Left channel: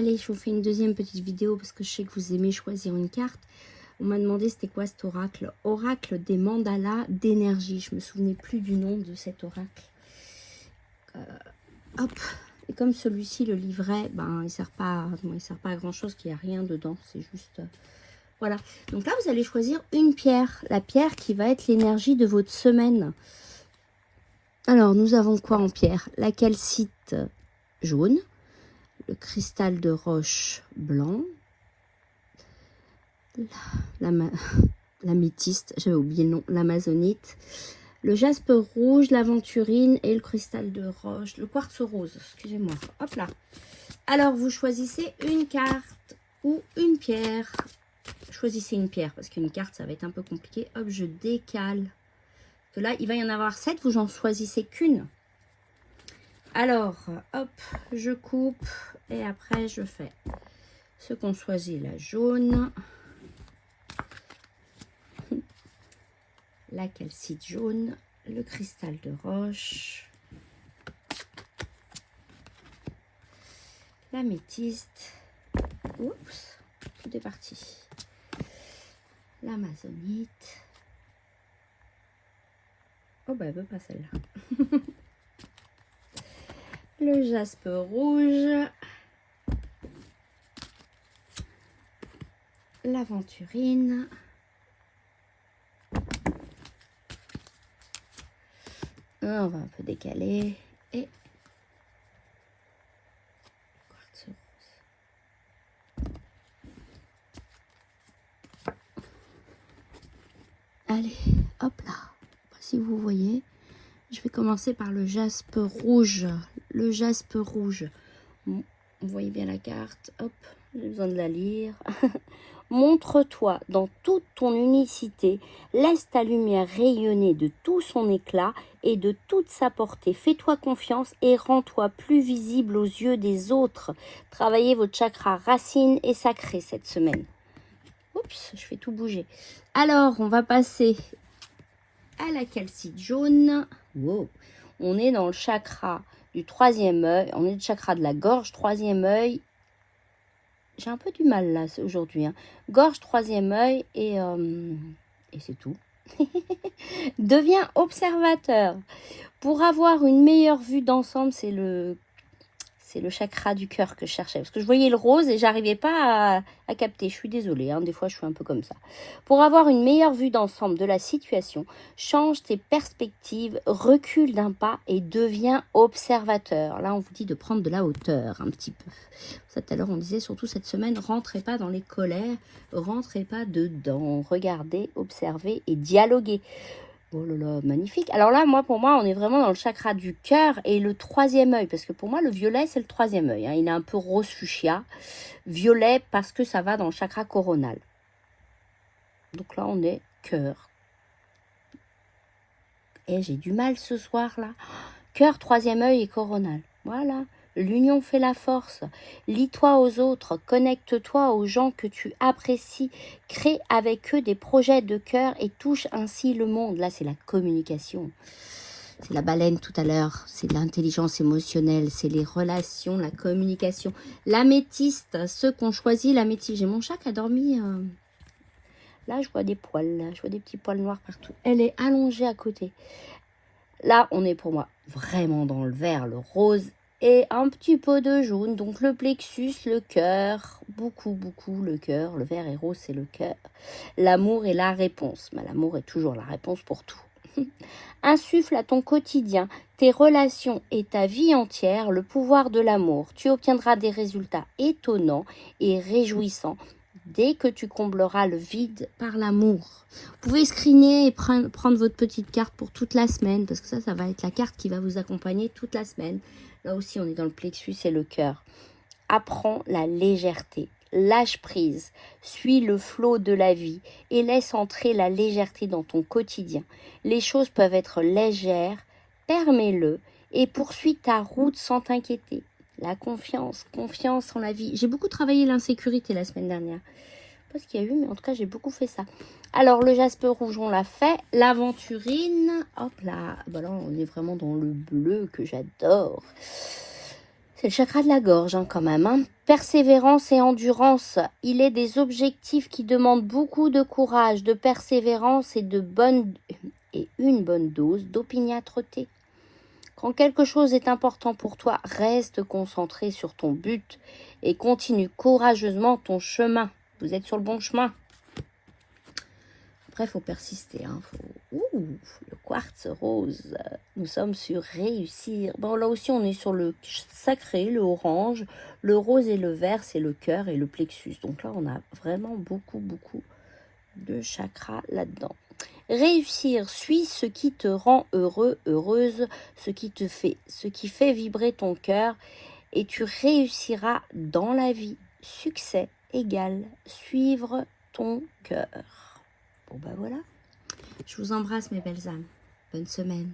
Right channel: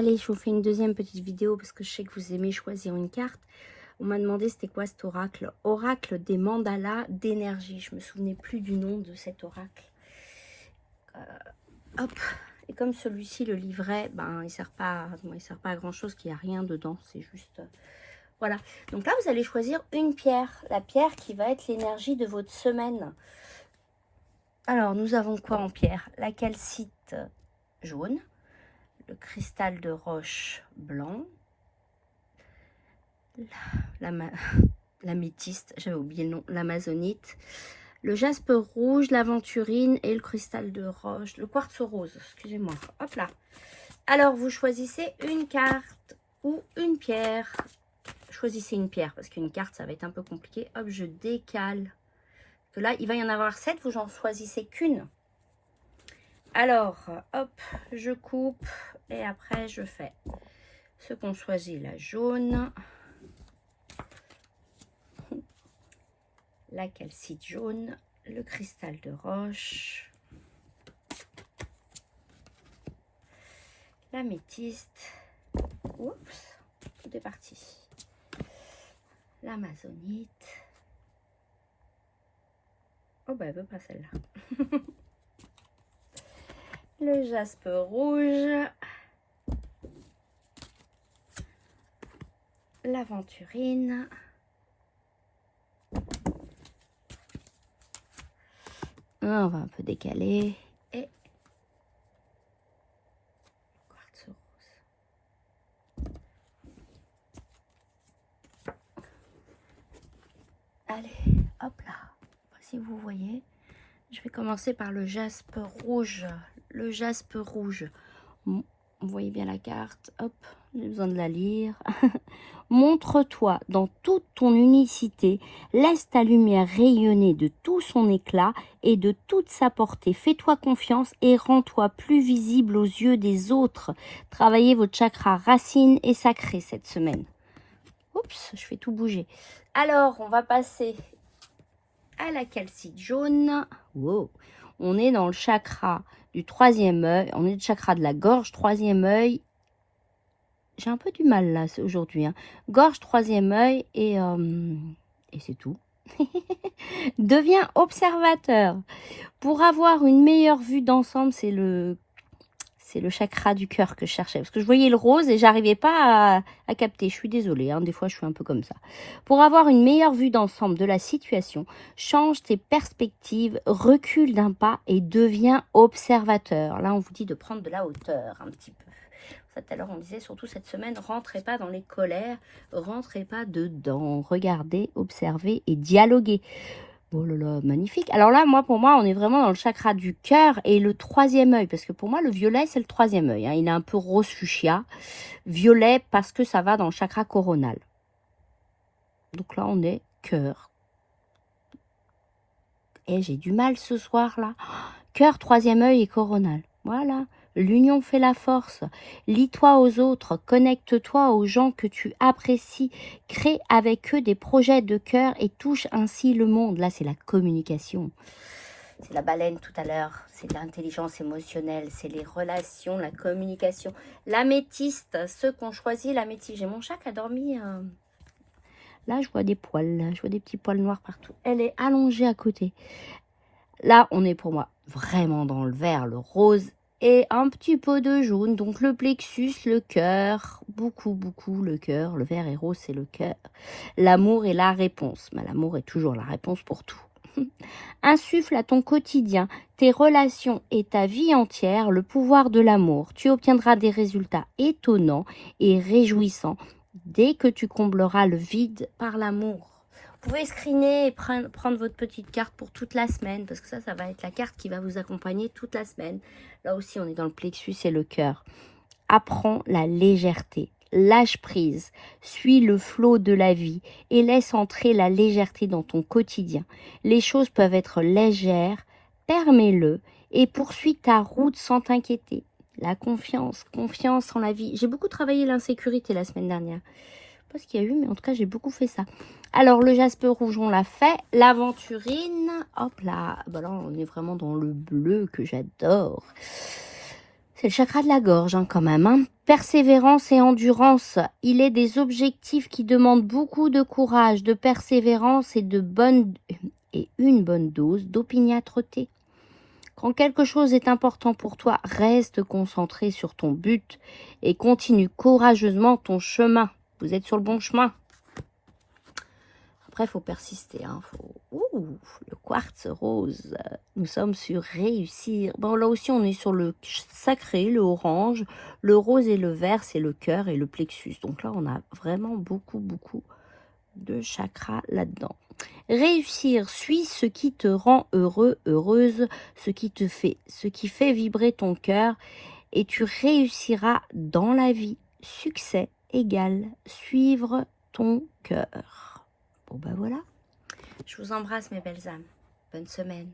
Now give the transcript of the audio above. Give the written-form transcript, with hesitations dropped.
Allez, je vous fais une deuxième petite vidéo parce que je sais que vous aimez choisir une carte. On m'a demandé c'était quoi cet oracle. Oracle des mandalas d'énergie. Je me souvenais plus du nom de cet oracle. Hop. Et comme celui-ci, le livret, ben, il sert pas à grand chose, qu'il n'y a rien dedans. C'est juste... voilà. Donc là, vous allez choisir une pierre. La pierre qui va être l'énergie de votre semaine. Alors, nous avons quoi en pierre? La calcite jaune. Le cristal de roche blanc. L'améthyste, j'avais oublié le nom, l'amazonite, le jaspe rouge, l'aventurine et le cristal de roche, le quartz rose, excusez-moi. Hop là. Alors, vous choisissez une carte ou une pierre. Choisissez une pierre parce qu'une carte, ça va être un peu compliqué. Hop, je décale. Parce que là, il va y en avoir 7, vous n'en choisissez qu'une. Alors, hop, je coupe et après, je fais ce qu'on choisit, la jaune. La calcite jaune, le cristal de roche, l'améthyste, oups, tout est parti, l'amazonite, oh bah elle veut pas celle-là, le jaspe rouge, l'aventurine, on va un peu décaler, et quartz rose. Allez, hop là, si vous voyez, je vais commencer par le jaspe rouge. Le jaspe rouge, vous voyez bien la carte, hop, j'ai besoin de la lire. Montre-toi dans toute ton unicité, laisse ta lumière rayonner de tout son éclat et de toute sa portée. Fais-toi confiance et rends-toi plus visible aux yeux des autres. Travaillez votre chakra racine et sacré cette semaine. Oups, je fais tout bouger. Alors, on va passer à la calcite jaune. Wow. On est dans le chakra du troisième œil. On est le chakra de la gorge, troisième œil. J'ai un peu du mal là aujourd'hui. Hein. Gorge, troisième œil et c'est tout. Deviens observateur. Pour avoir une meilleure vue d'ensemble, c'est le chakra du cœur que je cherchais. Parce que je voyais le rose et j'arrivais pas à capter. Je suis désolée, hein, des fois je suis un peu comme ça. Pour avoir une meilleure vue d'ensemble de la situation, change tes perspectives, recule d'un pas et deviens observateur. Là, on vous dit de prendre de la hauteur un petit peu. Ça, tout à l'heure, on disait surtout cette semaine, rentrez pas dans les colères, rentrez pas dedans. Regardez, observez et dialoguez. Oh là là, magnifique. Alors là, pour moi, on est vraiment dans le chakra du cœur et le troisième œil. Parce que pour moi, le violet, c'est le troisième œil. Hein. Il est un peu rose fuchsia. Violet parce que ça va dans le chakra coronal. Donc là, on est cœur. Et j'ai du mal ce soir là. Cœur, troisième œil et coronal. Voilà. L'union fait la force. Lie-toi aux autres, connecte-toi aux gens que tu apprécies, crée avec eux des projets de cœur et touche ainsi le monde. Là, c'est la communication. C'est la baleine tout à l'heure, c'est l'intelligence émotionnelle, c'est les relations, la communication. L'améthyste, ceux qu'on choisit, l'améthyste. J'ai mon chat qui a dormi. Là, je vois des poils, là. Je vois des petits poils noirs partout. Elle est allongée à côté. Là, on est pour moi vraiment dans le vert, le rose et un petit peu de jaune. Donc le plexus, le cœur, beaucoup le cœur. Le vert et rose, c'est le cœur. L'amour est la réponse. Mais l'amour est toujours la réponse pour tout. Insuffle à ton quotidien, tes relations et ta vie entière le pouvoir de l'amour. Tu obtiendras des résultats étonnants et réjouissants dès que tu combleras le vide par l'amour. Vous pouvez screener et prendre votre petite carte pour toute la semaine, parce que ça va être la carte qui va vous accompagner toute la semaine. Là aussi, on est dans le plexus et le cœur. Apprends la légèreté. Lâche prise, suis le flot de la vie et laisse entrer la légèreté dans ton quotidien. Les choses peuvent être légères, permets-le et poursuis ta route sans t'inquiéter. La confiance en la vie. J'ai beaucoup travaillé l'insécurité la semaine dernière. Je sais pas ce qu'il y a eu, mais en tout cas, j'ai beaucoup fait ça. Alors, le jaspe rouge, on l'a fait. L'aventurine, hop là. Bah là, on est vraiment dans le bleu que j'adore. C'est le chakra de la gorge hein, quand même. Hein. Persévérance et endurance. Il est des objectifs qui demandent beaucoup de courage, de persévérance et une bonne dose d'opiniâtreté. Quand quelque chose est important pour toi, reste concentré sur ton but et continue courageusement ton chemin. Vous êtes sur le bon chemin. Après, il faut persister. Hein. Le quartz rose. Nous sommes sur réussir. Bon, là aussi, on est sur le sacré, le orange. Le rose et le vert, c'est le cœur et le plexus. Donc là, on a vraiment beaucoup de chakras là-dedans. Réussir, suis ce qui te rend heureux, heureuse, ce qui fait vibrer ton cœur et tu réussiras dans la vie. Succès égale suivre ton cœur. Bon ben voilà. Je vous embrasse mes belles âmes. Bonne semaine.